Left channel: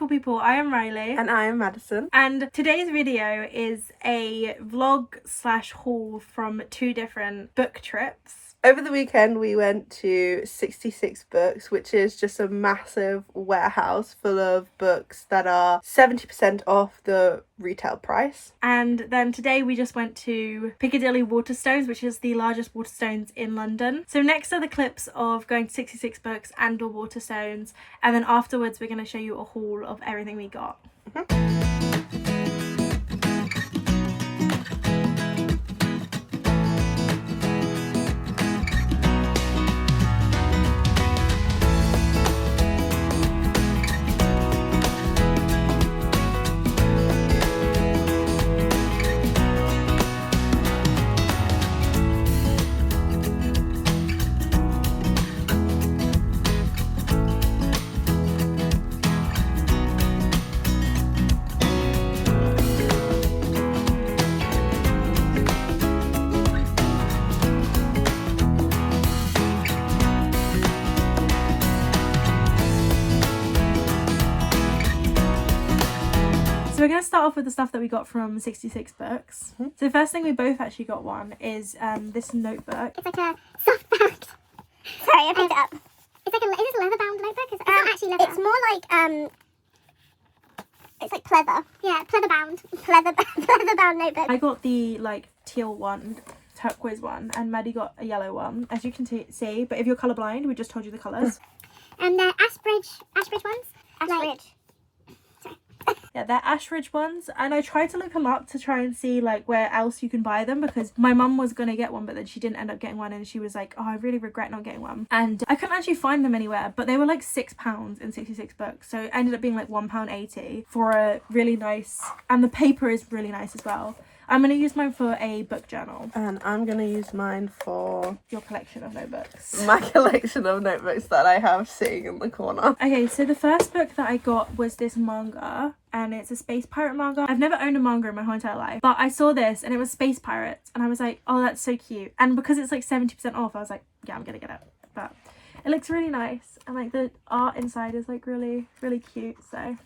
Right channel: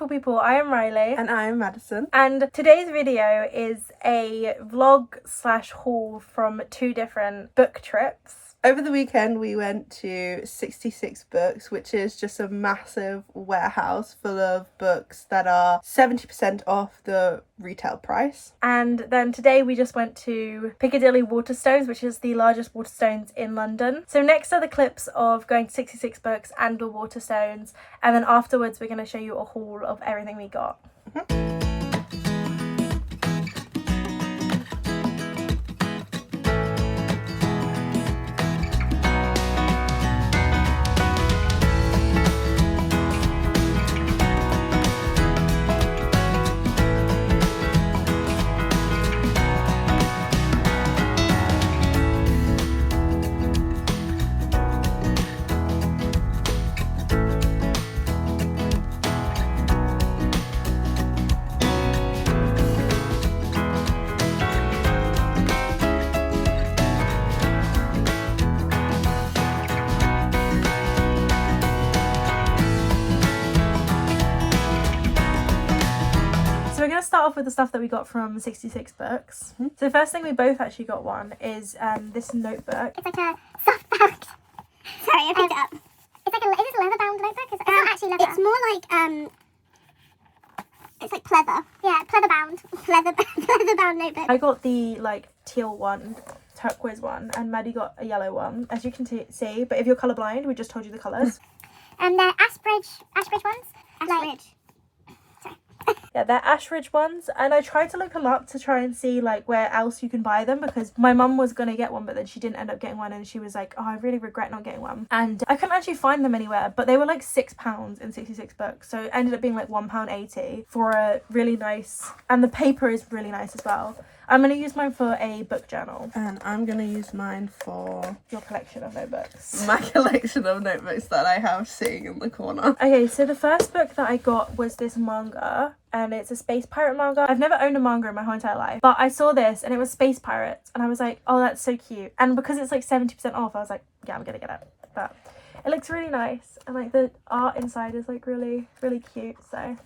beautiful people, I am Rhylie. And I am Maddison. And today's video is a vlog/haul from 2 different book trips. Over the weekend we went to 66 Books, which is just a massive warehouse full of books that are 70% off the retail price. And then today we just went to Piccadilly Waterstones, which is the largest Waterstones in London. So next are the clips of going to 66 Books and the Waterstones, and then afterwards we're going to show you a haul of everything we got. So we're going to start off with the stuff that we got from 66 Books. So the first thing we both actually got one is this notebook. It's like a soft bound. Sorry, I picked it up. It's like is this a leather bound notebook? It's not actually leather. It's more like it's like pleather. Yeah, pleather bound. Pleather bound notebook. I got the like teal one, turquoise one, and Maddie got a yellow one, as you can see. But if you're colourblind, we just told you the colours. And they're Ashbridge ones. Ashbridge. Yeah, they're Ashridge ones, and I tried to look them up to try and see like where else you can buy them, because my mum was gonna get one but then she didn't end up getting one, and she was like, oh, I really regret not getting one, and I couldn't actually find them anywhere, but they were like £6 in 66 Books, so it ended up being like £1.80 for a really nice, and the paper is really nice as well. I'm going to use mine for a book journal. And I'm going to use mine for your collection of notebooks. my collection of notebooks that I have sitting in the corner. Okay, so the first book that I got was this manga, and it's a space pirate manga. I've never owned a manga in my whole entire life, but I saw this and it was space pirates, and I was like, oh, that's so cute. And because it's like 70% off, I was like, yeah, I'm going to get it. But it looks really nice, and like the art inside is like really, really cute, so...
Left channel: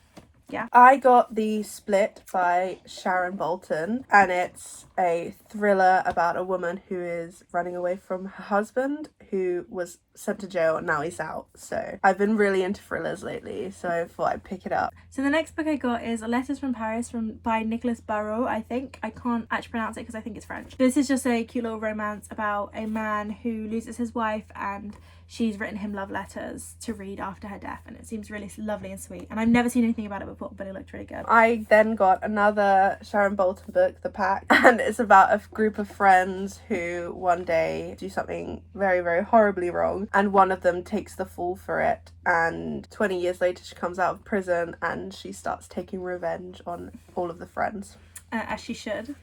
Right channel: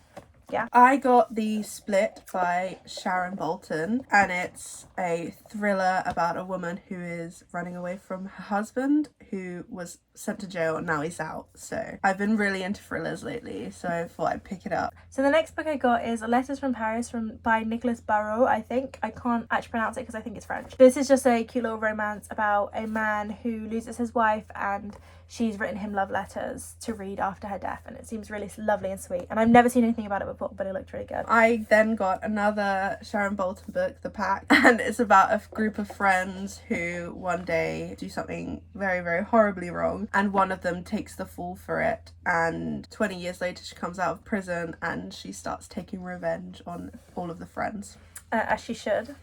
yeah. I got The Split by Sharon Bolton, and it's a thriller about a woman who is running away from her husband, who was sent to jail and now he's out. So I've been really into thrillers lately, so I thought I'd pick it up. So the next book I got is Letters from Paris by Nicholas Barrault, I think. I can't actually pronounce it because I think it's French. This is just a cute little romance about a man who loses his wife, and she's written him love letters to read after her death, and it seems really lovely and sweet, and I've never seen anything about it before, but it looked really good. I then got another Sharon Bolton book, The Pact, and it's about a group of friends who one day do something very, very horribly wrong, and one of them takes the fall for it, and 20 years later she comes out of prison and she starts taking revenge on all of the friends. As she should.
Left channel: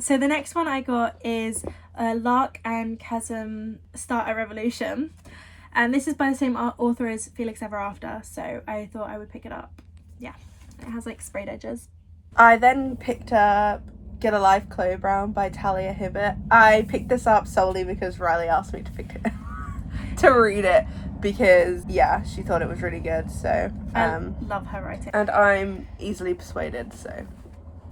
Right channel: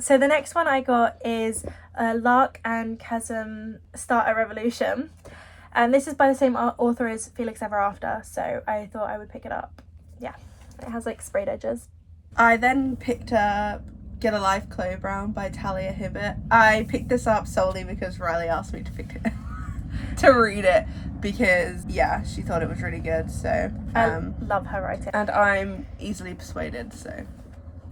So the next one I got is Lark and Chasm Start a Revolution, and this is by the same author as Felix Ever After, so I thought I would pick it up. Yeah, it has like sprayed edges. I then picked up Get a Life, Chloe Brown by Talia Hibbert. I picked this up solely because Rhylie asked me to pick it to read it, because yeah, she thought it was really good, so I love her writing. And I'm easily persuaded, so...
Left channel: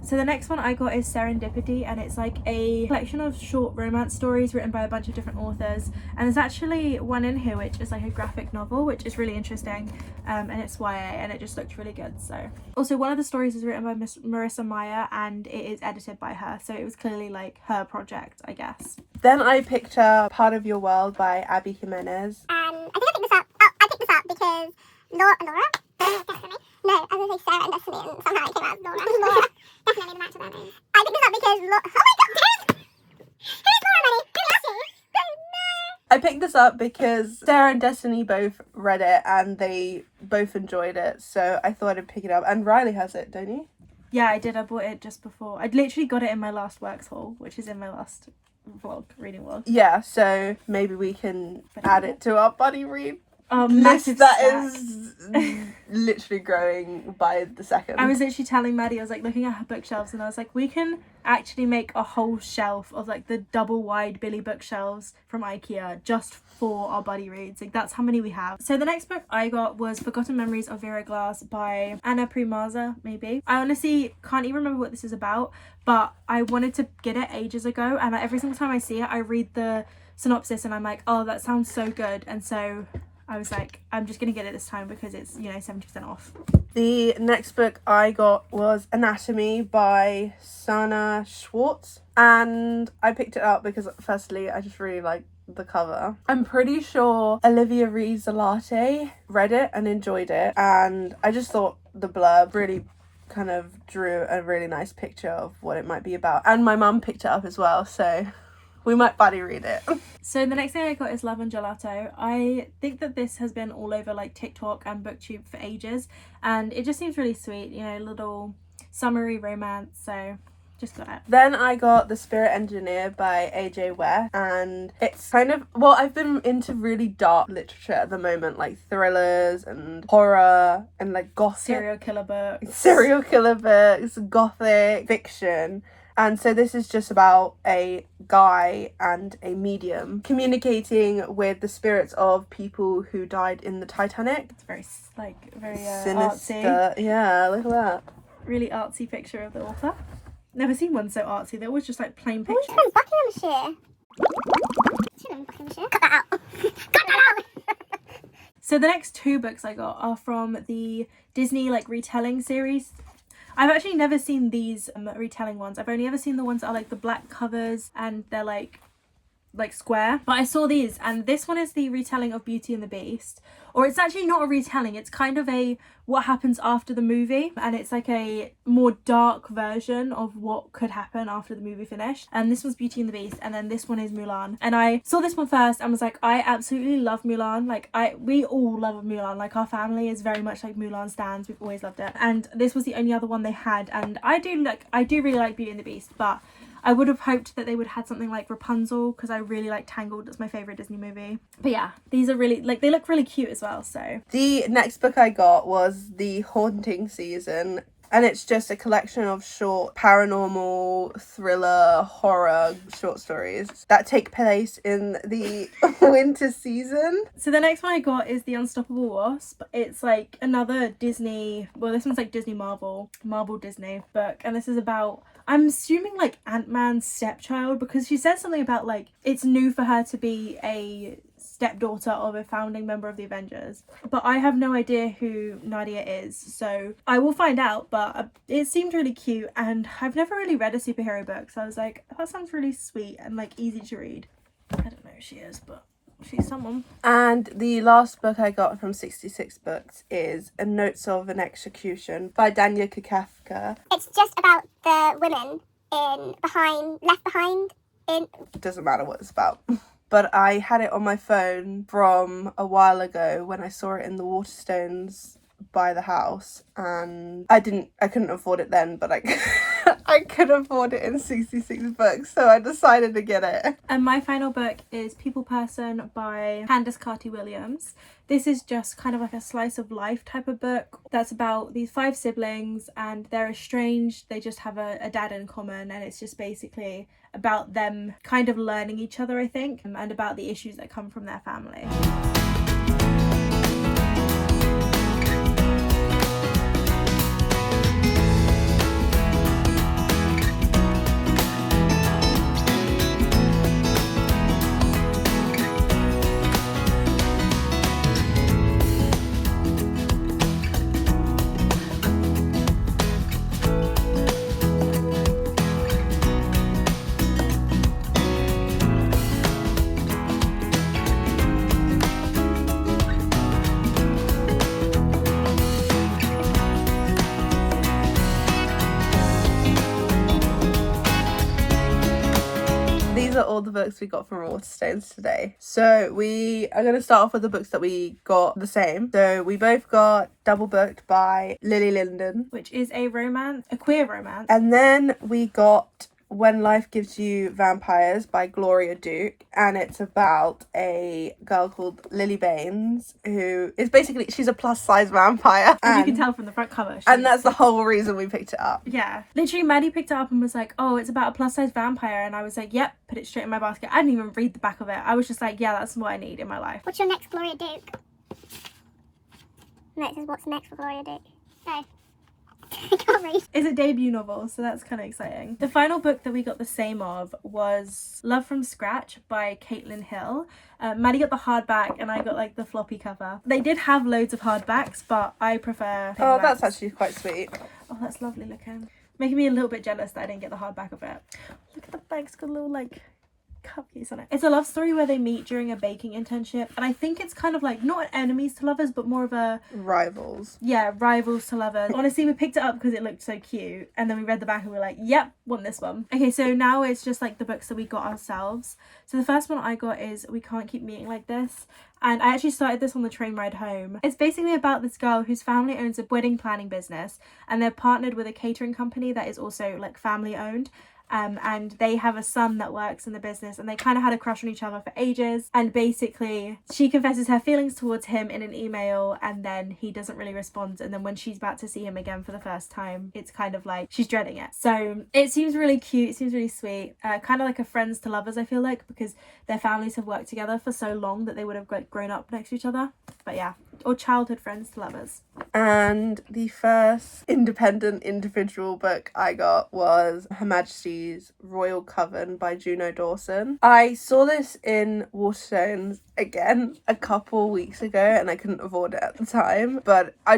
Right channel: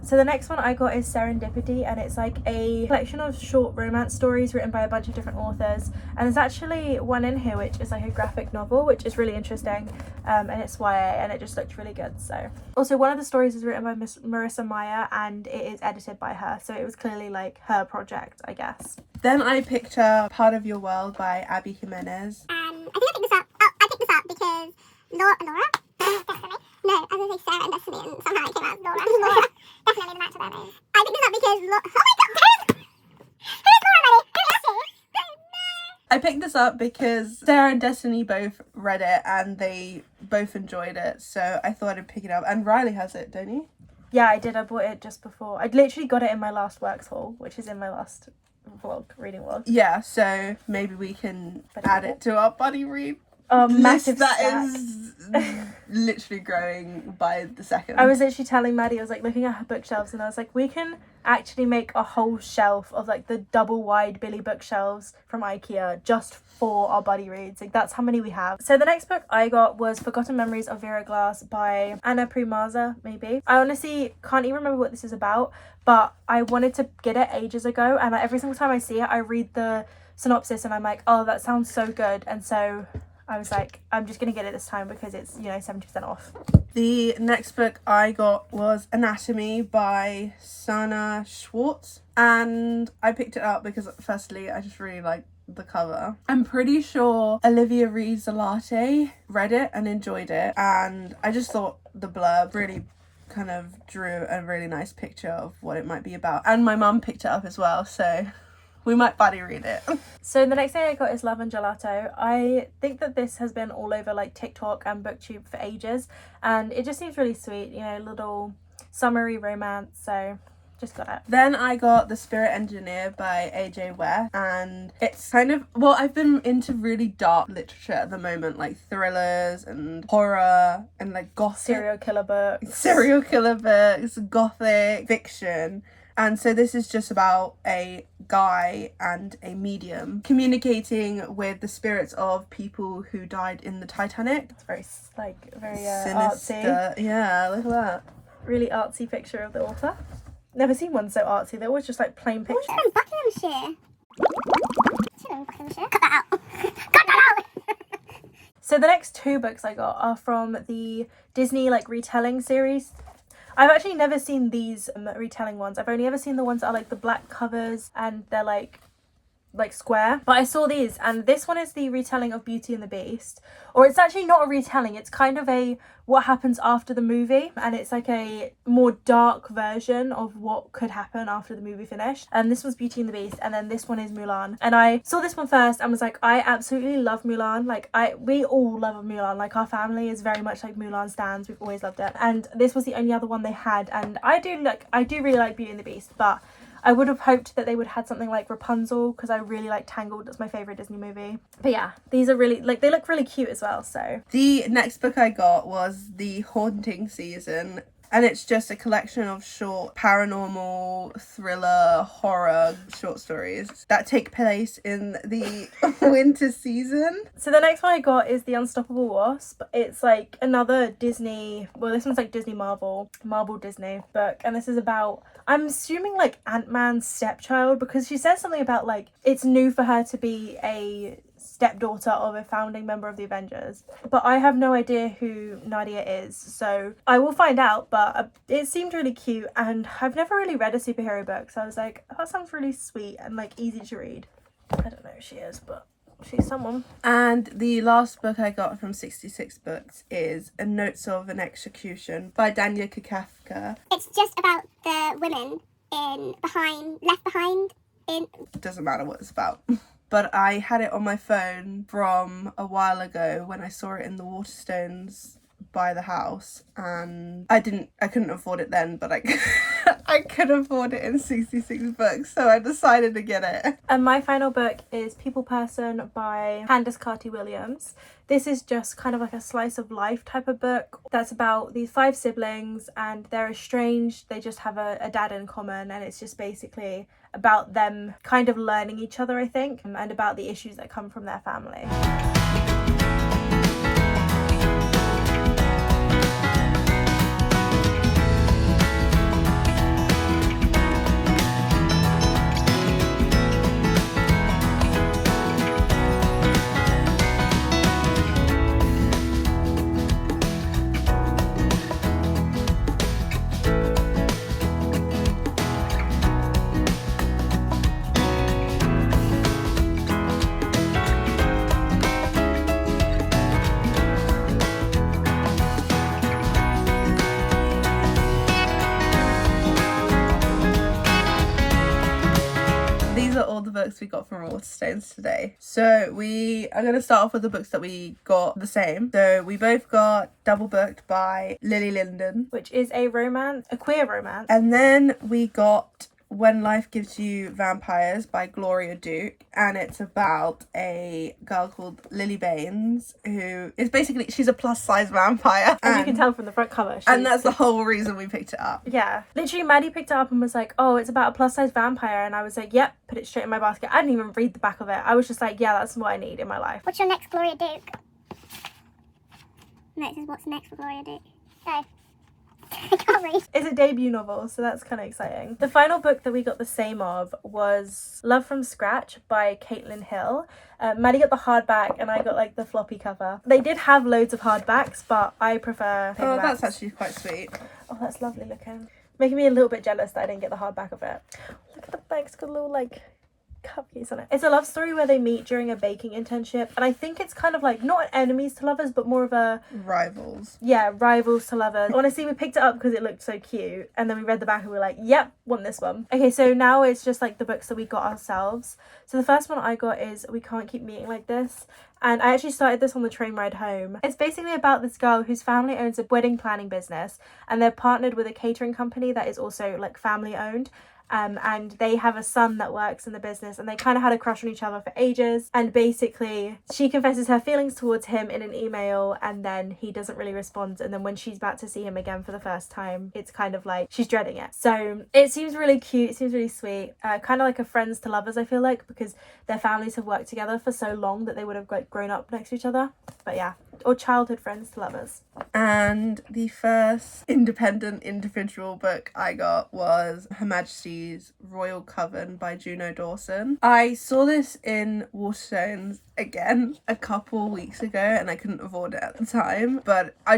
So the next one I got is Serendipity, and it's like a collection of short romance stories written by a bunch of different authors, and there's actually one in here which is like a graphic novel, which is really interesting, and it's YA, and it just looked really good. So also one of the stories is written by Marissa Meyer, and it is edited by her, so it was clearly like her project, I guess. Then I picked up Part of Your World by Abby Jimenez. I think I picked this up. Oh, I picked this up because Laura? Destiny? No, I was going to say Sarah and Destiny, and somehow it came out as Laura. Laura. Definitely the match of their names. I picked this up because oh my god, who's Laura, Maddie? I picked this up because Sarah and Destiny both read it and they both enjoyed it, so I thought I'd pick it up. And Rhylie has it, don't you? Yeah, I did. I bought it just before. I'd literally got it in my last works haul, which is in my last reading vlog. Yeah, so maybe we can add it to our buddy read massive that stack. is literally growing by the second. I was literally telling Maddie, I was like looking at her bookshelves and I was like, we can actually make a whole shelf of like the double wide Billy bookshelves from IKEA just for our buddy reads. Like that's how many we have. So the next book I got was Forgotten Memories of Vera Glass by Anna Primaza, maybe. I honestly can't even remember what this is about, but I wanted to get it ages ago, and every single time I see it I read the synopsis and I'm like, oh, that sounds so good. And so I was like, I'm just gonna get it this time because it's, you know, 70% off. The next book I got was Anatomy by Sana Schwartz, and I picked it up because firstly I just really like the cover. I'm pretty sure Olivia Reed-Zalate read it and enjoyed it, and I just thought the blurb really kind of drew a really nice picture of what it might be about, and my mum picked it up as well, so we might buddy read it. So the next thing I got is Love and Gelato. I think that this has been all over like TikTok and BookTube for ages, and it just seems really sweet, you know, little summery romance, so just got it. Then I got The Spirit Engineer by AJ Ware, and it's kind of, well, I've been into really dark literature at the moment, like thrillers and horror and like gothic Serial killer books, gothic fiction. And so this is just about a guy and a medium communicating with the spirits of people who died in the Titanic. It's very Sinister. artsy. Yeah, look at that. Really artsy picture of the author. Never seen one so artsy. They're always just like plain Who's pictures. from Buckinghamshire? Buckinghamshire? Cut that out. Cut that out! So the next two books I got are from the Disney like retelling series. I've actually never seen these retelling ones. I've only ever seen the ones that are like the black covers and they're like square. But I saw these, and this one is the retelling of Beauty and the Beast. Or it's actually not a retelling, it's kind of a what happens after the movie, and it's like a more dark version of what could happen after the movie finished. And this was Beauty and the Beast, and then this one is Mulan. And I saw this one first and was like, I absolutely love Mulan. Like we all love Mulan. Like our family is very much like Mulan stans. We've always loved it. And this was the only other one they had, and I do really like Beauty and the Beast, but I would have hoped that they would have had something like Rapunzel, because I really like Tangled. That's my favourite Disney movie. But yeah, these are really, like, they look really cute as well, so. The next book I got was The Haunting Season, and it's just a collection of short paranormal thriller horror short stories that take place in the winter season. So the next one I got is The Unstoppable Wasp. It's like another Disney, well, this one's like Disney Marvel Disney book, and this is about, I'm assuming like Ant-Man's stepchild, because she says something about like it's new for her to be a stepdaughter of a founding member of the Avengers, but I have no idea who Nadia is, so I will find out. But it seemed really cute, and I've never really read a superhero book, so I was like, that sounds really sweet and like easy to read. I don't know who she is, but she's someone. And the last book I got from 66 Books is A Notes of an Execution by Dania Kafka. It's just about the women left behind in... It doesn't matter what it's about. But I had it on my phone from a while ago when I saw it in the Waterstones by the house, and I couldn't afford it then, but I could afford it in 66 Books, so I decided to get it. And my final book is People Person by Candace Carty-Williams. This is just kind of like a slice of life type of book that's about these 5 siblings, and they're estranged. They just have a dad in common, and it's just basically about them kind of learning each other, I think, and about the issues that come from their family. These are all the books we got from Waterstones today. So we are going to start off with the books that we got the same. So we both got Double Booked by Lily Linden. Which is a queer romance. And then we got When Life Gives You Vampires by Gloria Duke, and it's about a girl called Lily Baines, who is basically, she's a plus size vampire. As you can tell from the front cover. And that's the whole reason we picked it up. Yeah. Literally, Maddie picked it up and was like, oh, it's about a plus size vampire. And I was like, yep, put it straight in my basket. I didn't even read the back of it. I was just like, yeah, that's what I need in my life. What's your next Gloria Duke? Next is what's next for Gloria Duke? No. I can't read. It's a debut novel, so that's kind of exciting. The final book that we got the same of was Love from Scratch by Caitlin Hill. Maddie got the hardback and I got like the floppy cover. They did have loads of hardbacks, but I prefer Oh, that's actually quite sweet. Oh, that's lovely looking. Making me a little bit jealous that I didn't get the hardback of it. Look at the back, it's got a little like cupcakes on it. It's a love story where they meet during a baking internship, and I think it's kind of like not enemies to lovers, but more of a rivals. Yeah, rivals to lovers. Honestly, we picked it up because it looked so cute, and then we read the back and we were like, yep, want this one. Okay, so now it's just like the books that we got ourselves. So the first one I got is We Can't Keep Meeting Like This, and I actually started this on the train ride home. It's basically about this girl whose family owns a wedding planning business, and they're partnered with a catering company that is also like family owned. And they have a son that works in the business, and they kind of had a crush on each other for ages, and basically she confesses her feelings towards him in an email, and then he doesn't really respond, and then when she's about to see him again for the first time, it's kind of like she's dreading it. So it seems really cute, it seems really sweet, kind of like a friends to lovers, I feel like, because their families have worked together for so long that they would have like grown up next to each other. But yeah, or childhood friends to lovers. And the first independent individual book I got was Her Majesty's Royal Coven by Juno Dawson. I saw this in Waterstones again a couple weeks ago and I couldn't afford it at the time, but I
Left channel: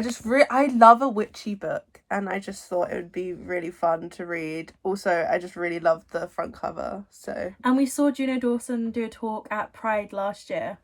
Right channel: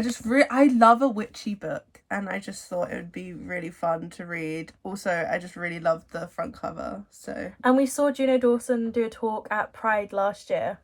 love a witchy book and I just thought it would be really fun to read. Also, I just really loved the front cover. And we saw Juno Dawson do a talk at Pride last year,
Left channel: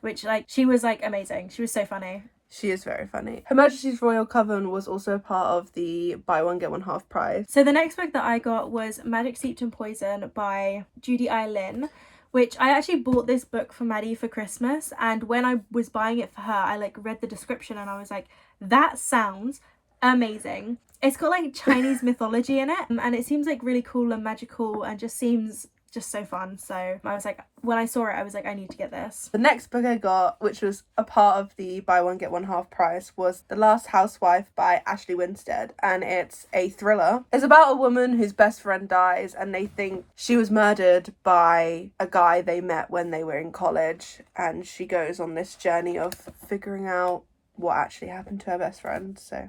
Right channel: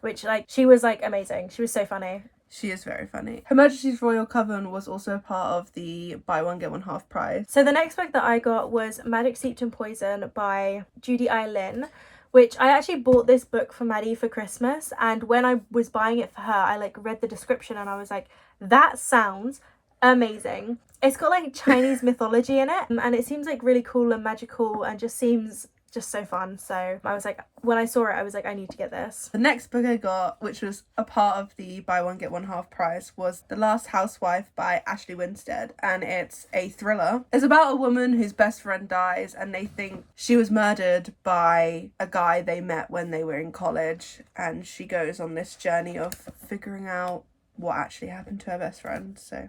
which like she was like amazing. She was so funny. She is very funny. Her Majesty's Royal Coven was also part of the buy one get one half price. So the next book that I got was Magic Steeped in Poison by Judy I. Lynn, which I actually bought this book for Maddie for Christmas, and when I was buying it for her, I like read the description and I was like, that sounds amazing. It's got like Chinese mythology in it, and it seems like really cool and magical and just seems just so fun. So I was like, when I saw it, I was like, I need to get this. The next book I got, which was a part of the buy one get one half price, was The Last Housewife by Ashley Winstead, and it's a thriller. It's about a woman whose best friend dies and they think she was murdered by a guy they met when they were in college, and she goes on this journey of figuring out what actually happened to her best friend. So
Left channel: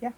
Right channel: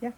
yeah.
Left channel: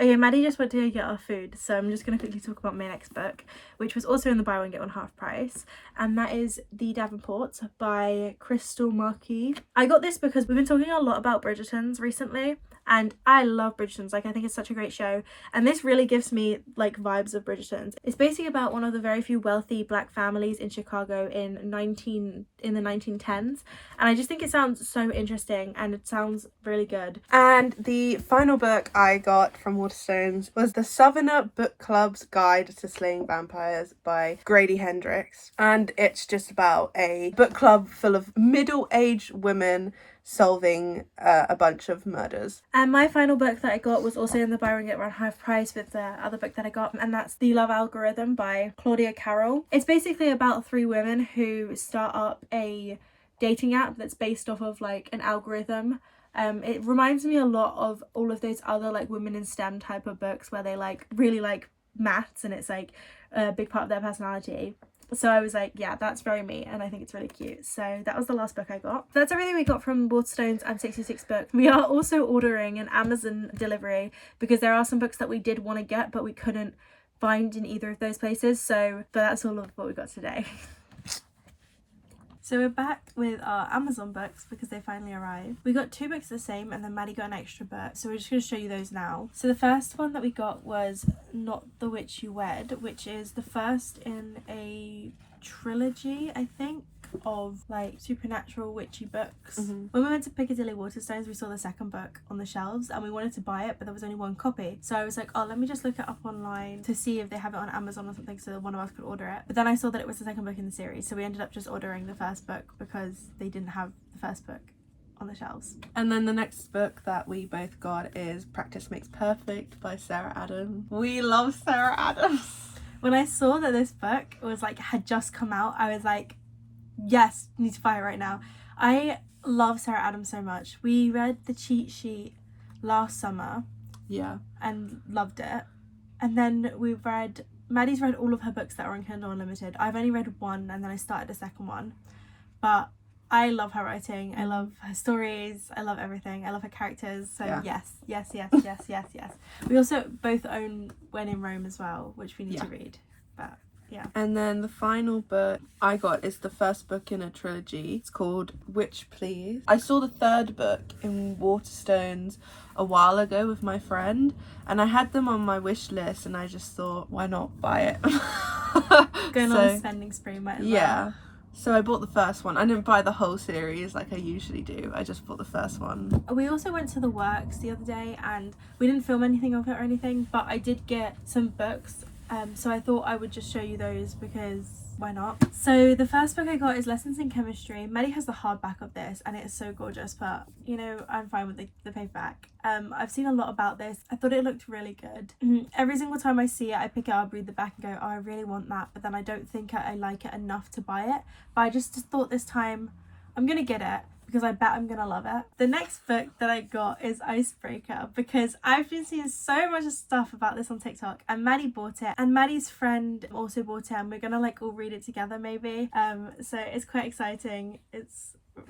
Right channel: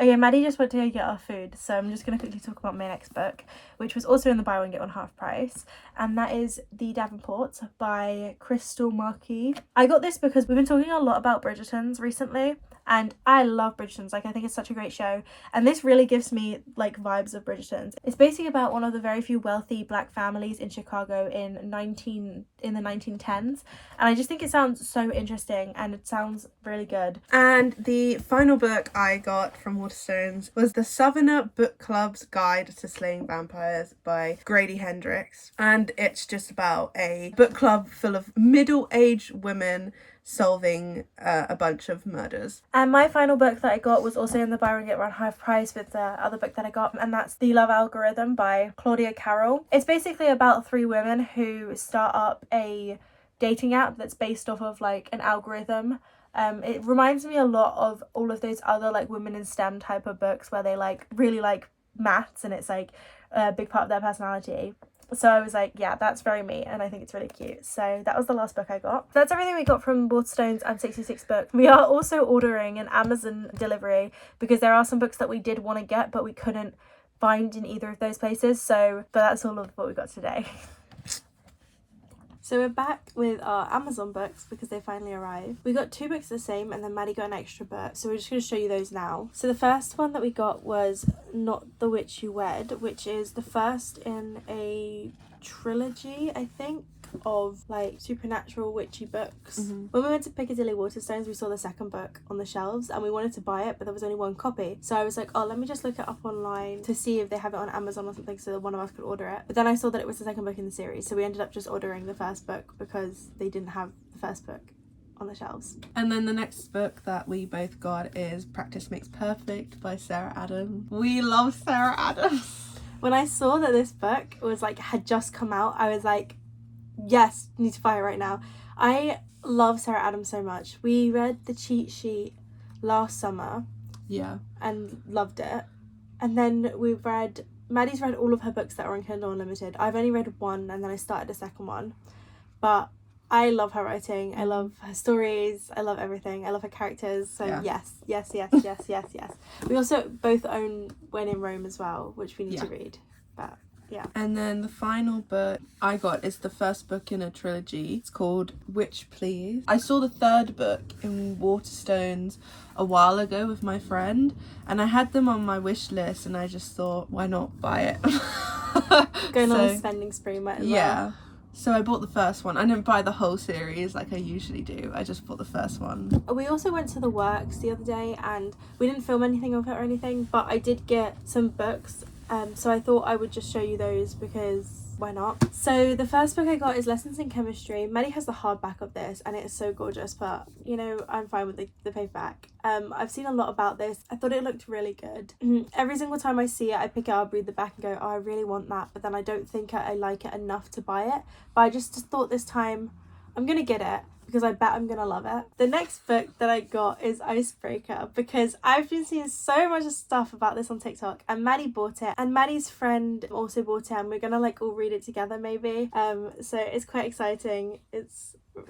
Okay, Maddie just went to go get our food, so I'm just going to quickly talk about my next book, which was also in the buy one get one half price, and that is The Davenports by Crystal Marquis. I got this because we've been talking a lot about Bridgertons recently, and I love Bridgertons. Like, I think it's such a great show, and this really gives me like vibes of Bridgertons. It's basically about one of the very few wealthy black families in Chicago in the 1910s, and I just think it sounds so interesting and it sounds really good. And the final book I got from Waterstones was The Southerner Book Club's Guide to Slaying Vampires by Grady Hendrix, and it's just about a book club full of middle-aged women solving a bunch of murders. And my final book that I got was also in the buy one get one half price with the other book that I got, and that's The Love Algorithm by Claudia Carroll. It's basically about 3 women who start up a dating app that's based off of like an algorithm. It reminds me a lot of all of those other like women in STEM type of books where they like really like maths and it's like a big part of their personality. So I was like, yeah, that's very me, and I think it's really cute. So that was the last book I got. So that's everything we got from Waterstones and 66 Books. We are also ordering an Amazon delivery because there are some books that we did want to get but we couldn't find in either of those places. But that's all of what we got today. So we're back with our Amazon books because they finally arrived. We got 2 books the same, and then Maddie got an extra book, so we're just going to show you those now. So the first one that we got was Not the Witch You Wed, which is the first in a trilogy, I think, of like supernatural witchy books. When we went to Piccadilly Waterstones, we saw the second book on the shelves and we wanted to buy it, but there was only 1 copy. So I was like, oh, let me just look it up online to see if they have it on Amazon or something so that one of us could order it. But then I saw that it was the second book in the series, so we ended up just ordering the first book because they didn't have the first book on the shelves. And then the next book that we both got is Practice Makes Perfect by Sarah Adams. We love Sarah Adams. when I saw that this book was like had just come out, I was like, yes, need to buy it right now. I love Sarah Adams so much. We read The Cheat Sheet last summer. Yeah. And loved it. And then Maddie's read all of her books that are on Kindle Unlimited. I've only read one and then I started the second one. But I love her writing. I love her stories. I love everything. I love her characters. So yes. We also both own When in Rome as well, which we need to read. But yeah. And then the final book I got is the first book in a trilogy. It's called Witch Please. I saw the third book in Waterstones a while ago with my friend, and I had them on my wish list, and I just thought, why not buy it? Going on a spending spree, might as well. Yeah. So I bought the first one. I didn't buy the whole series like I usually do. I just bought the first one. We also went to the works the other day, and we didn't film anything of it or anything, but I did get some books. So I thought I would just show you those because why not? So the first book I got is Lessons in Chemistry. Maddie has the hardback of this and it is so gorgeous, but you know, I'm fine with the paperback. I've seen a lot about this. I thought it looked really good. Every single time I see it, I pick it up, read the back and go, oh, I really want that, but then I don't think I like it enough to buy it. But I just thought this time I'm gonna get it because I bet I'm gonna love it. The next book that I got is Icebreaker because I've been seeing so much stuff about this on TikTok, and Maddie bought it and Maddie's friend also bought it, and we're gonna like all read it together maybe. So it's quite exciting. It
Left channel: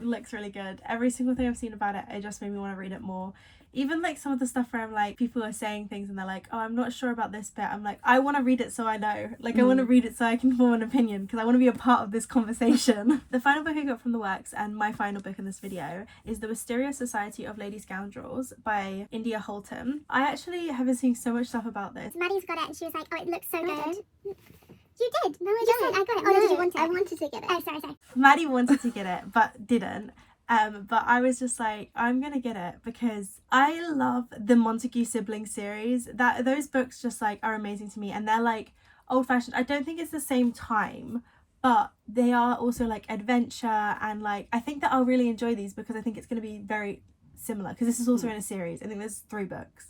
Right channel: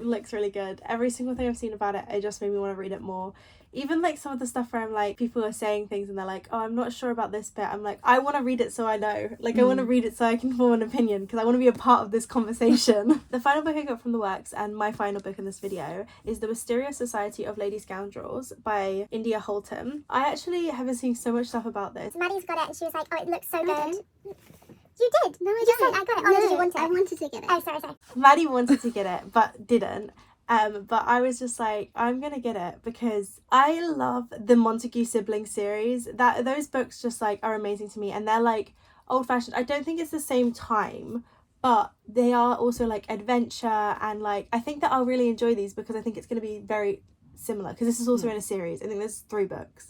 looks really good. Every single thing I've seen about it just made me want to read it more. Even like some of the stuff where I'm like, people are saying things and they're like, oh, I'm not sure about this bit. I'm like, I want to read it so I know. Like, I want to read it so I can form an opinion because I want to be a part of this conversation. The final book I got from the works, and my final book in this video, is The Mysterious Society of Lady Scoundrels by India Holton. I actually have been seeing so much stuff about this. Maddie's got it and she was like, oh, it looks so good. You did? No, I don't. I got it. Oh, no, did you want it? I wanted to get it. Oh, sorry. Maddie wanted to get it, but didn't. But I was just like, I'm gonna get it because I love the Montague siblings series. Those books just like are amazing to me, and they're like old-fashioned. I don't think it's the same time, but they are also like adventure, and like I think that I'll really enjoy these because I think it's gonna be very similar because this is also in a series. I think there's 3 books.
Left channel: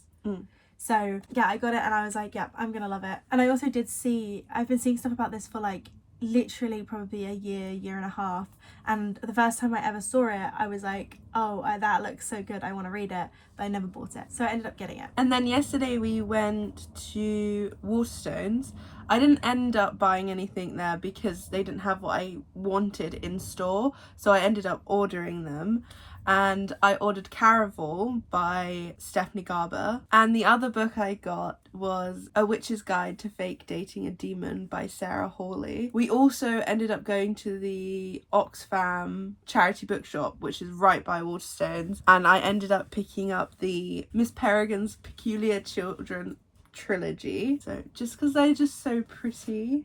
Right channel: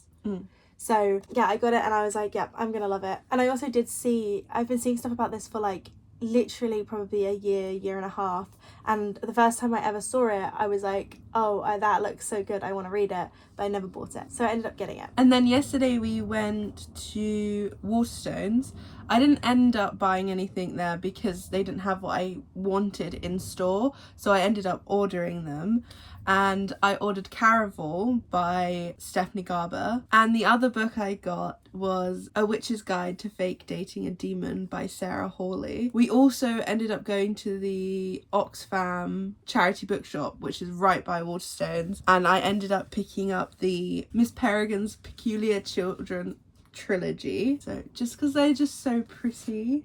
So yeah, I got it and I was like, yeah, I'm gonna love it. And I also I've been seeing stuff about this for like literally probably a year and a half, and the first time I ever saw it I was like, oh, that looks so good, I want to read it, but I never bought it, so I ended up getting it. And then yesterday we went to Waterstones. I didn't end up buying anything there because they didn't have what I wanted in store, so I ended up ordering them. And I ordered Caraval by Stephanie Garber, and the other book I got was A Witch's Guide to Fake Dating a Demon by Sarah Hawley. We also ended up going to the Oxfam charity bookshop, which is right by Waterstones, and I ended up picking up the Miss Peregrine's Peculiar Children trilogy. So just because they're just so pretty.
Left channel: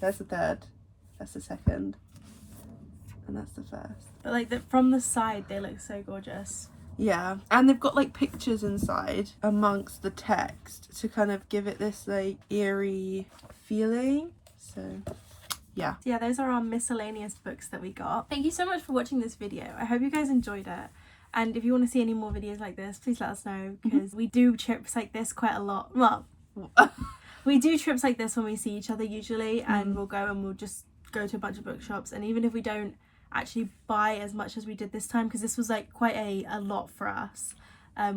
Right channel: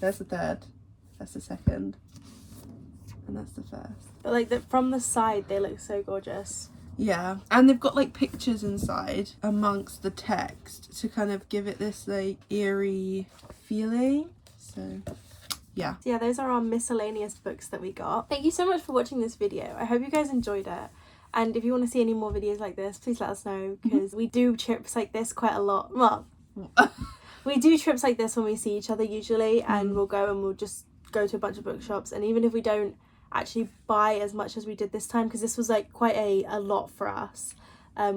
There's the third, that's the second, and that's the first. But like from the side they look so gorgeous. Yeah, and they've got like pictures inside amongst the text to kind of give it this like eerie feeling. So yeah, those are our miscellaneous books that we got. Thank you so much for watching this video. I hope you guys enjoyed it, and if you want to see any more videos like this, please let us know because we do trips like this quite a lot. Well, we do trips like this when we see each other usually, and we'll just go to a bunch of bookshops, and even if we don't actually buy as much as we did this time, because this was like quite a lot for us,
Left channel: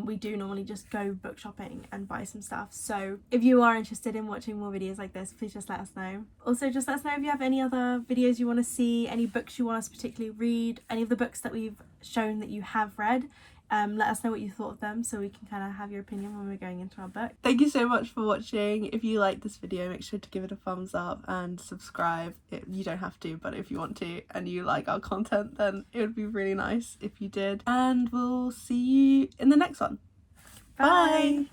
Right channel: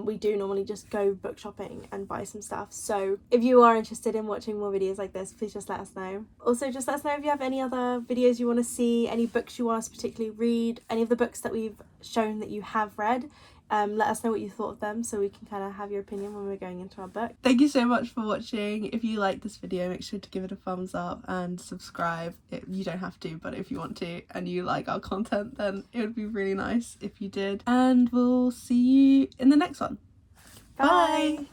we do normally just go book shopping and buy some stuff. So if you are interested in watching more videos like this, please just let us know. Also, just let us know if you have any other videos you want to see, any books you want us to particularly read, any of the books that we've shown that you have read. Let us know what you thought of them so we can kind of have your opinion when we're going into our book. Thank you so much for watching. If you like this video, make sure to give it a thumbs up and subscribe. You don't have to, but if you want to and you like our content, then it would be really nice if you did. And we'll see you in the next one. Bye.